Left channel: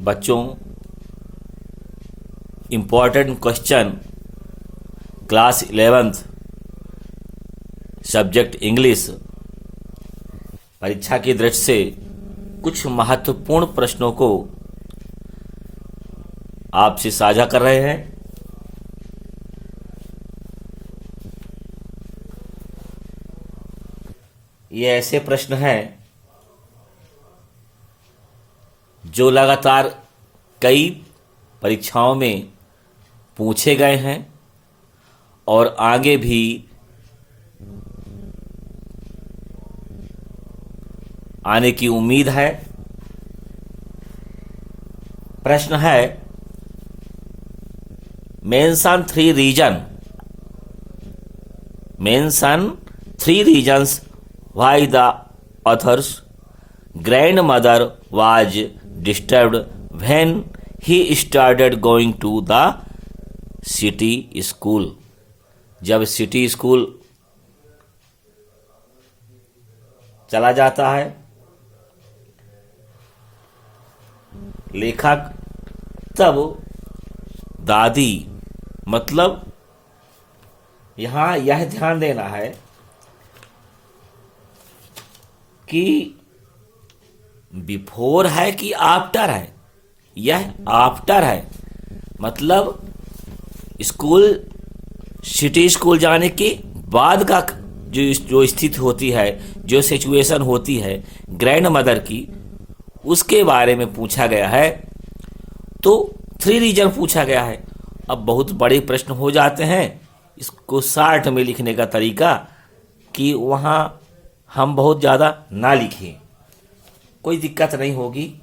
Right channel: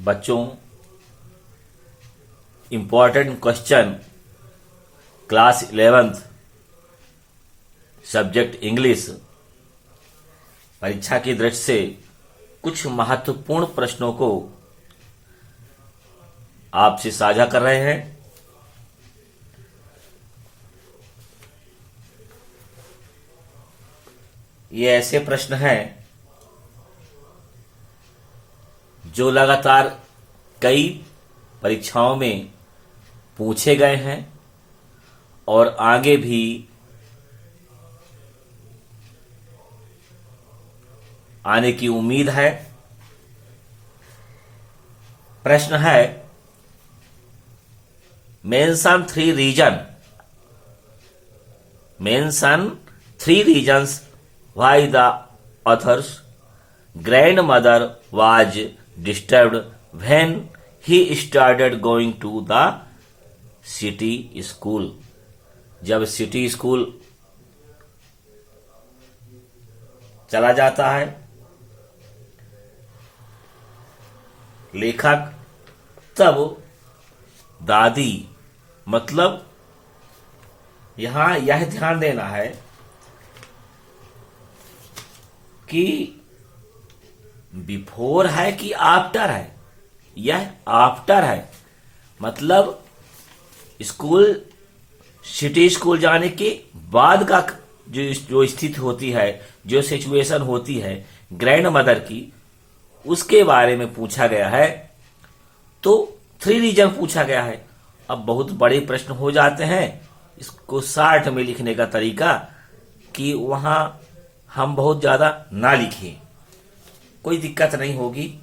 बच्चों, important question class 11th subject English परीक्षा की दृष्टि से कुछ महत्वपूर्ण प्रश्नों को आपसे साझा कर रहे हैं। ये ऐसे प्रश्न हैं जो लगातार कई परीक्षाओं में पूछे गए हैं और आगे भी आने की उम्मीद है। प्रश्न है, mention three reasons why the authors grandmother was disturbed when he started going to the city school। जब सिटी स्कूल चला जाता है, लेखक तब दादी, मतलब यहां यह ध्यान देना है कि बिफोर है कि आफ्टर है। यह आफ्टर है, मतलब स्कूल, सिटी स्कूल जाने के बाद का जो स्थिति होती है, जो सिचुएशन होती है ग्रैंड मदर की, उसके बारे में पूछा गया है। तो 3 रीजन पूछा गया है। अब बहुत बड़े प्रश्न हो जाते हैं, इसको शार्ट में लिखने का तरीका कि वहां हम बहुत ज्यादा ना लिखें, कोई दिक्कत नहीं होगी।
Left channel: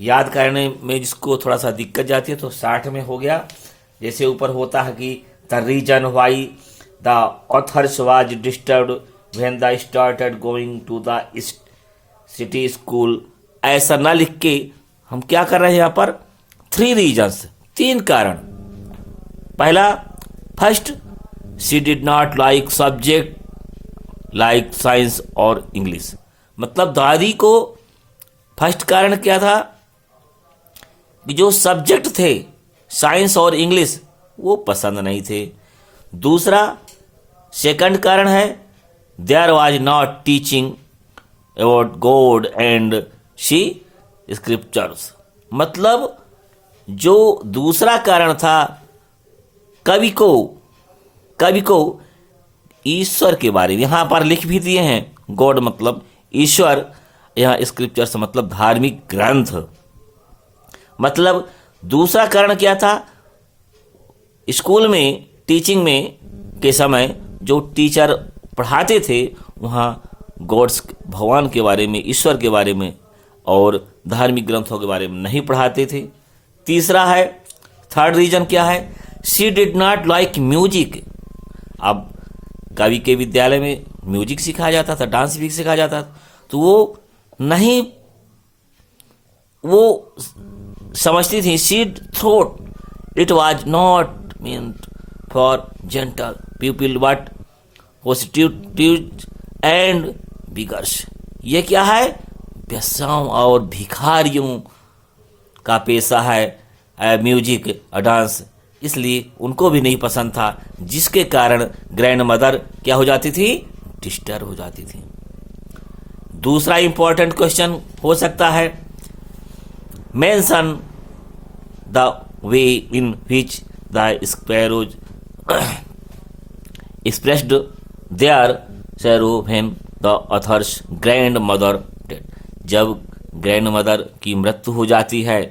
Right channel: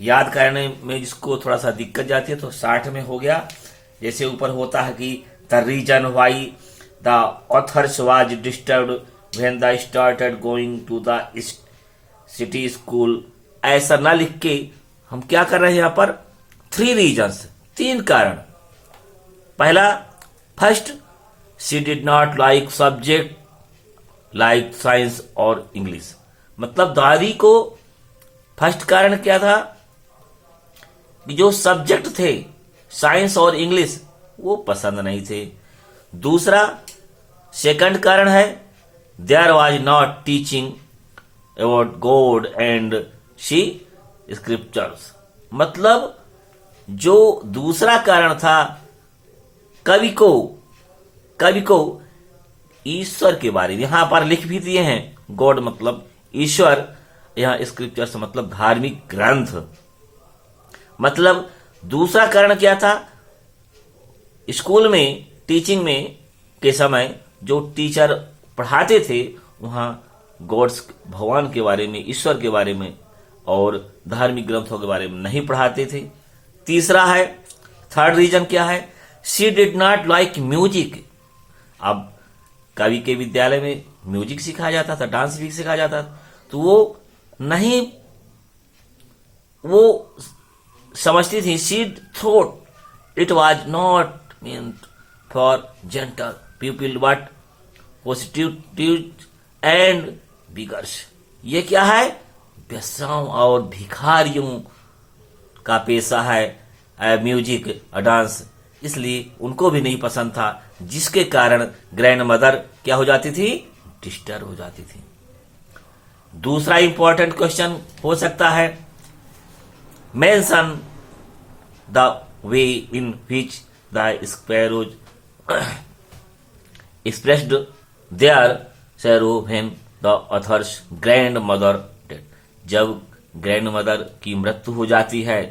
याद करने में जिसको थोड़ा सा दिक्कत जाती है तो 60 में हो गया। जैसे ऊपर होता है कि the reason why the authors was disturbed when the started going to the city school, ऐसा ना लिख के हम क्या कर रहे हैं यहां पर 3 रीजन्स, 3 कारण। पहला, first, she did not like subject like science और इंग्लिश। मतलब दादी को फर्स्ट कारण क्या था कि जो सब्जेक्ट थे साइंस और इंग्लिश वो पसंद नहीं थे। दूसरा, सेकंड कारण है, there was not teaching about God and she scriptures. मतलब जो दूसरा कारण था, कवि को ईश्वर के बारे में यहां पर लिख भी दिए हैं। गॉड मतलब ईश्वर, यहां स्क्रिप्चर्स मतलब धार्मिक ग्रंथ। मतलब दूसरा कारण क्या था, स्कूल में टीचिंग में के समय जो टीचर पढ़ाते थे वहां गॉड्स, भगवान के बारे में, ईश्वर के बारे में और धार्मिक ग्रंथों के बारे में नहीं पढ़ाते थे। तीसरा है, थर्ड रीजन क्या है, she did not like music. अब कवि के विद्यालय में म्यूजिक सिखाया जाता था, डांस भी सिखाया जाता था, तो वो समझती थी। She thought it was not meant for gentle people but prostitute and beggars. ये क्या है, वेश्याओं और भिखारियों का पेशा है म्यूजिक और डांस, इसलिए उनको भी नहीं पसंद था, जिसके कारण ग्रैंड मदर क्या हो जाती थी, डिस्टर्ब हो जाती थी। दूसरा इंपॉर्टेंट क्वेश्चन हो सकता है, mention the way in which the sparrows expressed their sorrow when the authors grandmother dead. जब ग्रैंड मदर की मृत्यु हो जाती है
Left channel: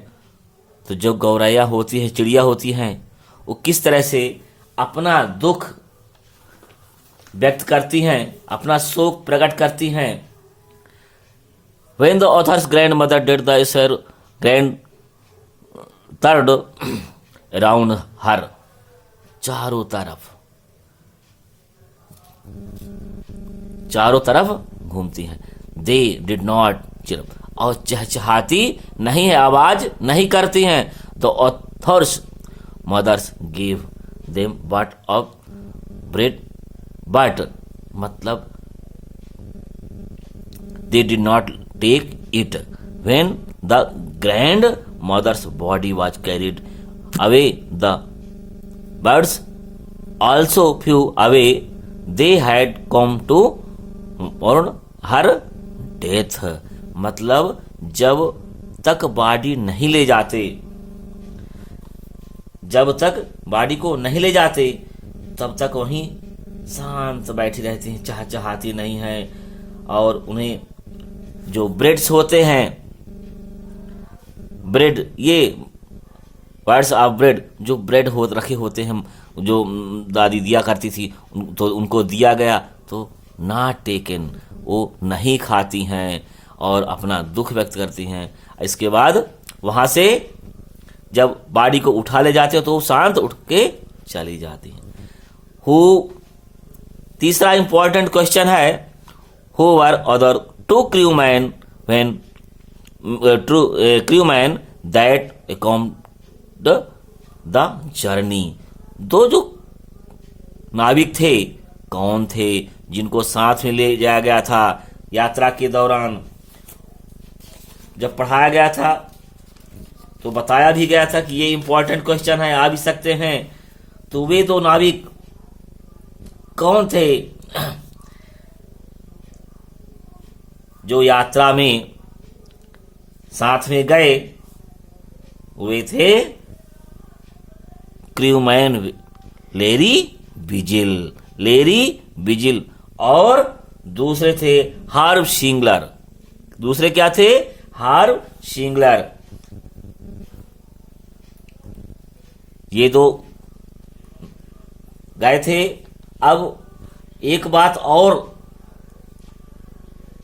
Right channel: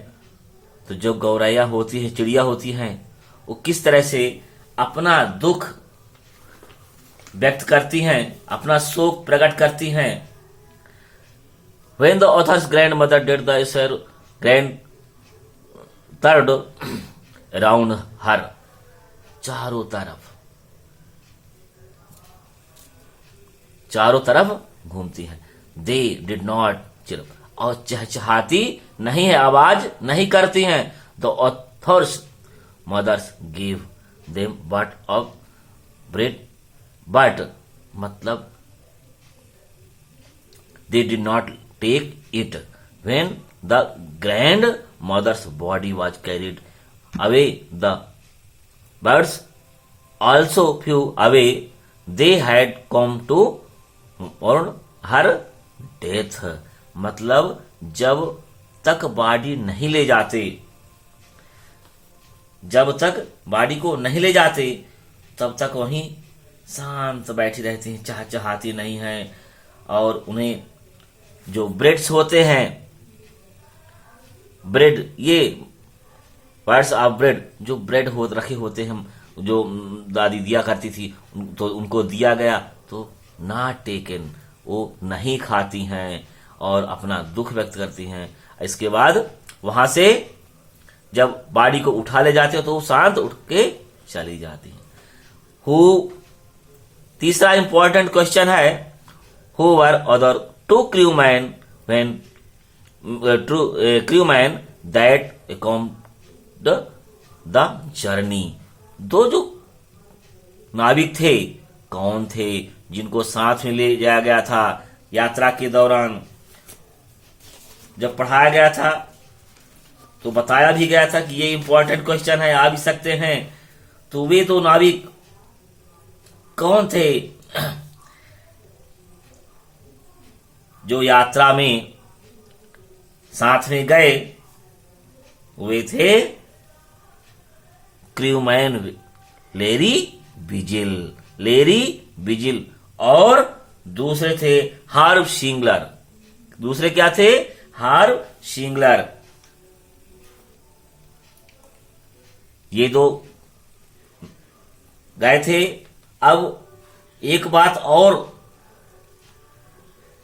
तो जो गौरैया होती है, चिड़िया होती हैं, वो किस तरह से अपना दुख व्यक्त करती हैं, अपना शोक प्रकट करती हैं। When the author's grandmother did the sir grand third around her, चारों तरफ घूमती हैं। They did not chirp, और चहचहाती नहीं है, आवाज नहीं करती हैं। The author's mothers gave them but of bread, but मतलब they did not take it when the grandmother's body was carried away, the birds also flew away, they had come to और her death. मतलब जब तक body नहीं ले जाते, जब तक बॉडी को नहीं ले जाते तब तक वहीं शांत बैठी रहती हैं, चहचहाती नहीं है। और उन्हें जो ब्रेड्स होते हैं, ब्रेड, ये वर्ड्स ऑफ ब्रेड, जो ब्रेड हो रखे होते हैं, जो दादी दिया करती थी, तो उनको दिया गया तो नॉट टेकन, वो नहीं खाती हैं और अपना दुख व्यक्त करती हैं। इसके बाद वहां से जब बॉडी को उठा ले जाते हो तो शांत उठ के चली जाती है। तीसरा इंपॉर्टेंट क्वेश्चन है, who were other two crewman when crewman that accompanied the journey. दो जो नाविक थे कौन थे जिनको साथ में ले जाया गया था यात्रा के दौरान? जब पढ़ाया गया था तो बताया भी गया था कि ये इंपॉर्टेंट क्वेश्चन है, आ भी सकते हैं। तो वे दो नाविक कौन थे जो यात्रा में साथ में गए? वे थे क्रूमैन लेरी विजिल और दूसरे थे हार्व शिंगलर। दूसरे क्या थे? हार्व शिंगलर। ये दो गए थे। अब एक बात और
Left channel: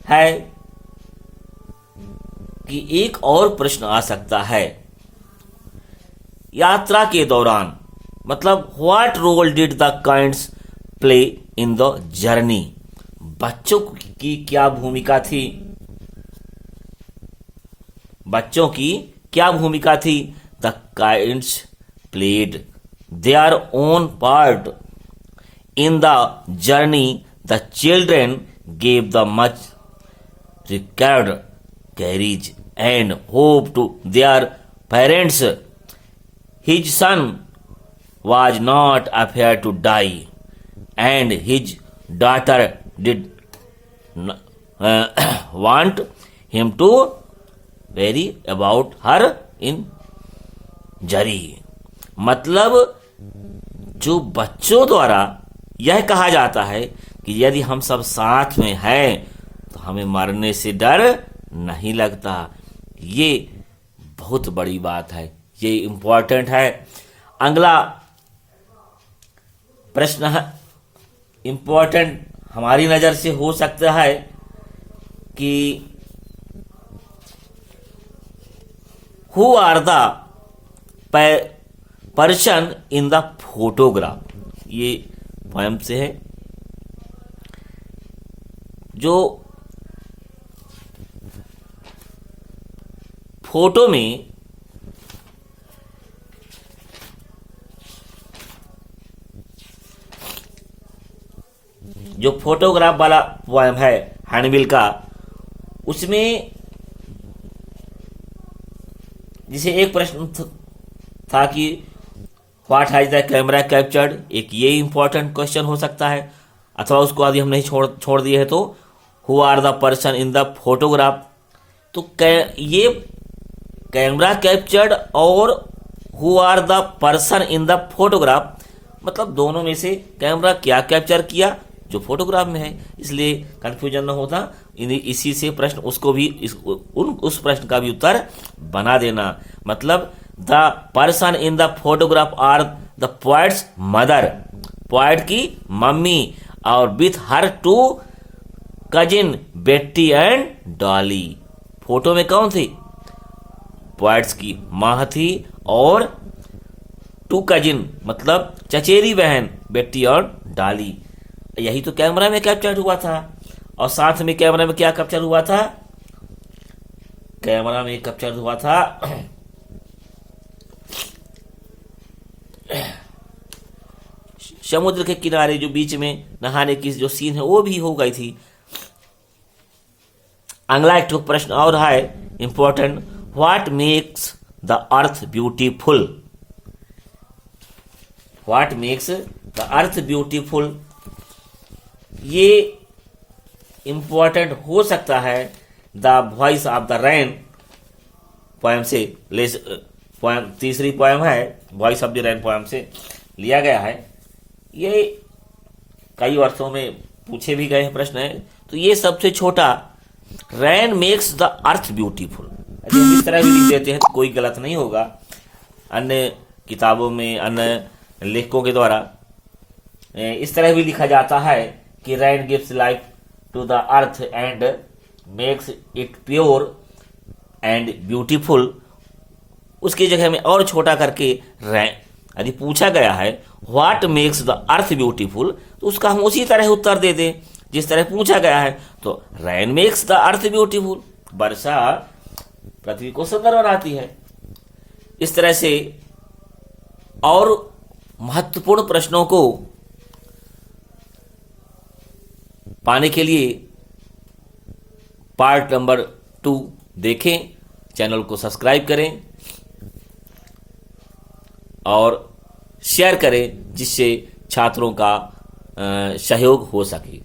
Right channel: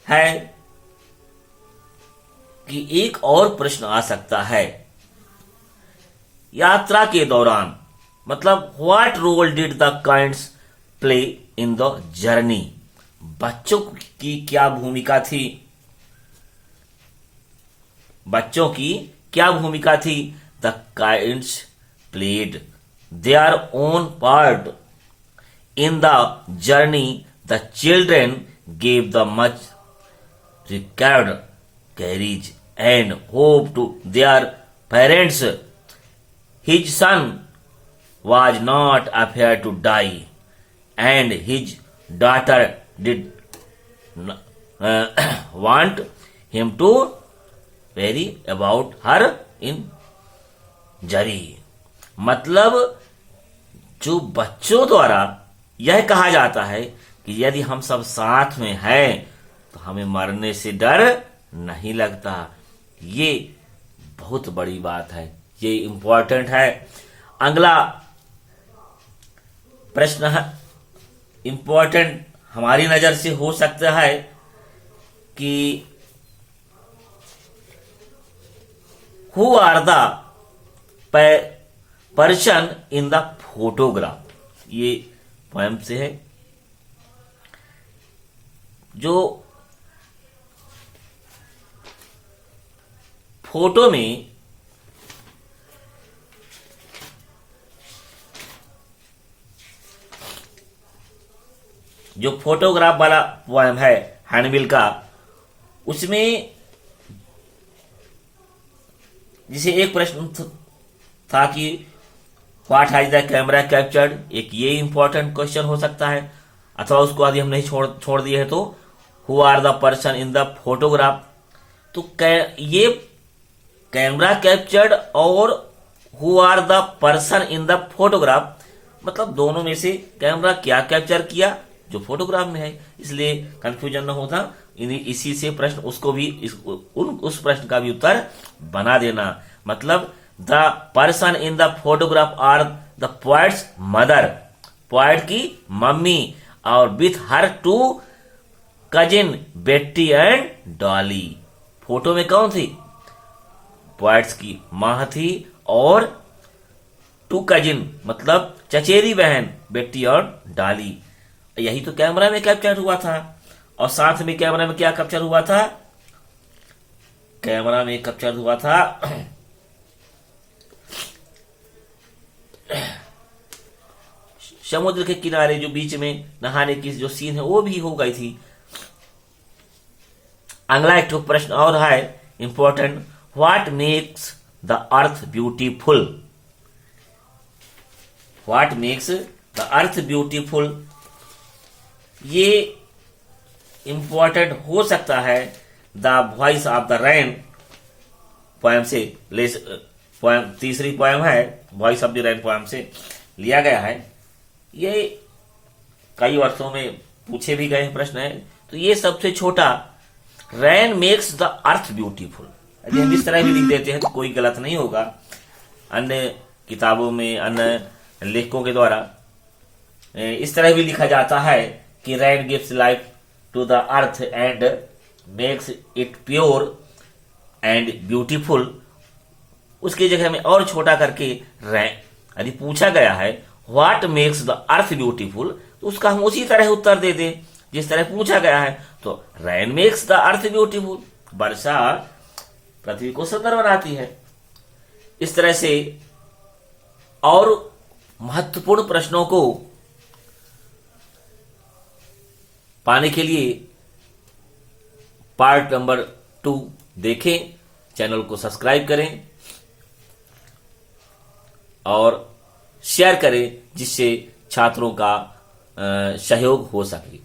है कि एक और प्रश्न आ सकता है यात्रा के दौरान, मतलब what role did the kinds play in the journey? बच्चों की क्या भूमिका थी? बच्चों की क्या भूमिका थी? The kinds played their own part in the journey. The children gave the much required courage and hope to their parents. His son was not afraid to die, and his daughter did want him to worry about her injury. मतलब जो बच्चों द्वारा यह कहा जाता है कि यदि हम सब साथ में हैं तो हमें मरने से डर नहीं लगता। ये बहुत बड़ी बात है, ये इंपॉर्टेंट है। अगला प्रश्न है इंपॉर्टेंट हमारी नजर से हो सकता है कि who are the person in the photograph. ये पोएम से है। जो फोटो में जो फोटोग्राफ वाला पोएम है हैंडबिल का, उसमें जिसे एक प्रश्न था कि what has the camera captured, एक ये इंपॉर्टेंट क्वेश्चन हो सकता है। अथवा उसको यदि हम नहीं छोड़ दिए है तो who are the person in the photograph. तो ये कैमरा कैप्चर्ड और who are the person in the photograph, मतलब दोनों में से कैमरा क्या कैप्चर किया जो फोटोग्राफ में है, इसलिए कंफ्यूजन न होता। इसी से प्रश्न उसको भी उस प्रश्न का भी उत्तर बना देना। मतलब the person in the photograph are the poets mother, poet की मम्मी, और with her two cousin Betty and Dolly. Photo में कौन थी? पोएट्स की मां थी और टू कजिन मतलब चचेरी बहन बेट्टी और डॉली। यही तो कैमरा में कैप्चर हुआ था। और साथ में कैमरा में क्या कैप्चर हुआ था? कैमरा में कैप्चर हुआ था समुद्र के किनारे जो बीच में नहाने की जो सीन है वो भी हो गई थी। अगला एक प्रश्न और है important, what makes the earth beautiful? What makes the earth beautiful, ये इंपॉर्टेंट हो सकता है the voice of the rain poem से पोएम, तीसरी पोएम है voice of the rain poem से लिया गया है। ये कई वर्षों में पूछे भी गए प्रश्न है। तो ये सबसे छोटा, rain makes the earth beautiful, यदि हम इस तरह भी लिख देते हैं तो कोई गलत नहीं होगा। अन्य किताबों में अन्य लेखकों के द्वारा इस तरह भी लिखा जाता है कि rain gives life to the earth and makes it pure and beautiful. उसकी जगह में और छोटा करके रेन, यदि पूछा गया है what makes the earth beautiful, तो उसका हम उसी तरह उत्तर दे दें जिस तरह पूछा गया है। तो rain makes the earth beautiful, वर्षा पृथ्वी को सुंदर बनाती है। इस तरह से और महत्वपूर्ण प्रश्नों को पाने के लिए पार्ट नंबर 2 देखें, चैनल को सब्सक्राइब करें और शेयर करें जिससे छात्रों का सहयोग हो सके।